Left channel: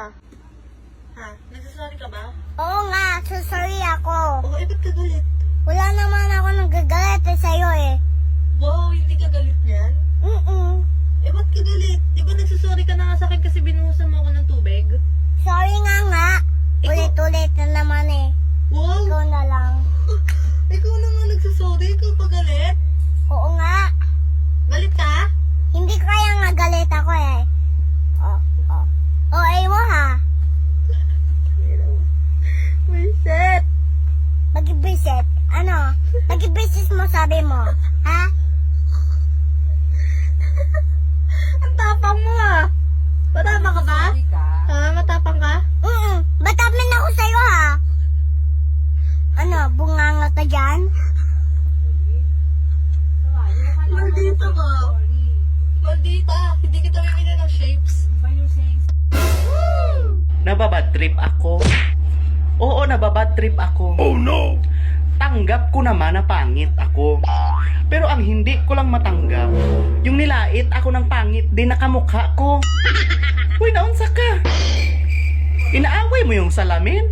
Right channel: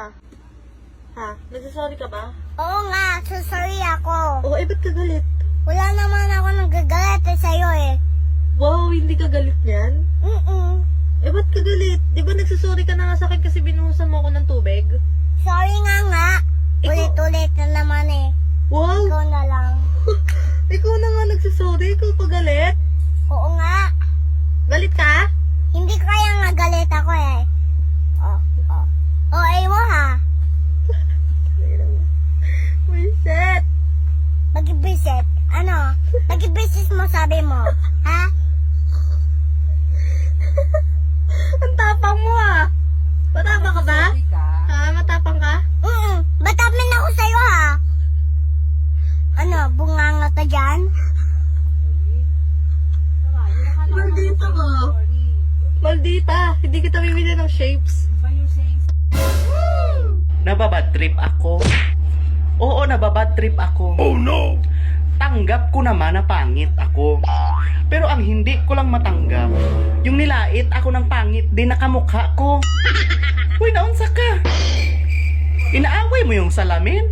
ka? Ha? Nagsasorry ka ba? Oo nga, so sorry ako. Oo, ba't ka galit? Wala naman ako nagagalit sa'yo eh. Wow, hindi ka galit niyan? Ba't ka galit? Di ba nagsasorry ka na nga sa akin kasi binuhusan mo ako ng tubig? Sorry nga. Ulit-ulit na naman eh. Wow! Ikaw na lang. Ikaw na nga nagsasorry, ikaw pa galit? Oo nga. Galit ka? Hindi kaya nga galit ako eh. O, mo ha. Reset! Mag-visit. Ano? Mag-visit mo sabi mo. Ha? Ang tapang mo ah! Matapang ka ba? Ha? Matapang ka? Batamin ako sa'yo ha. Ano? Bunganga ka dyan? Maldita ka. Maldita. Hindi kita bibili ng shapes. Nababad trip ako. Oo, nababad trip ako. Oh no! Tanggap ko naman na pangit ako. Pero ang hindi ko lang matanggap, yung nilait ako ng pangit din nakamukha ko. Uy, naunsa ka? Inaaway mo yung salamin?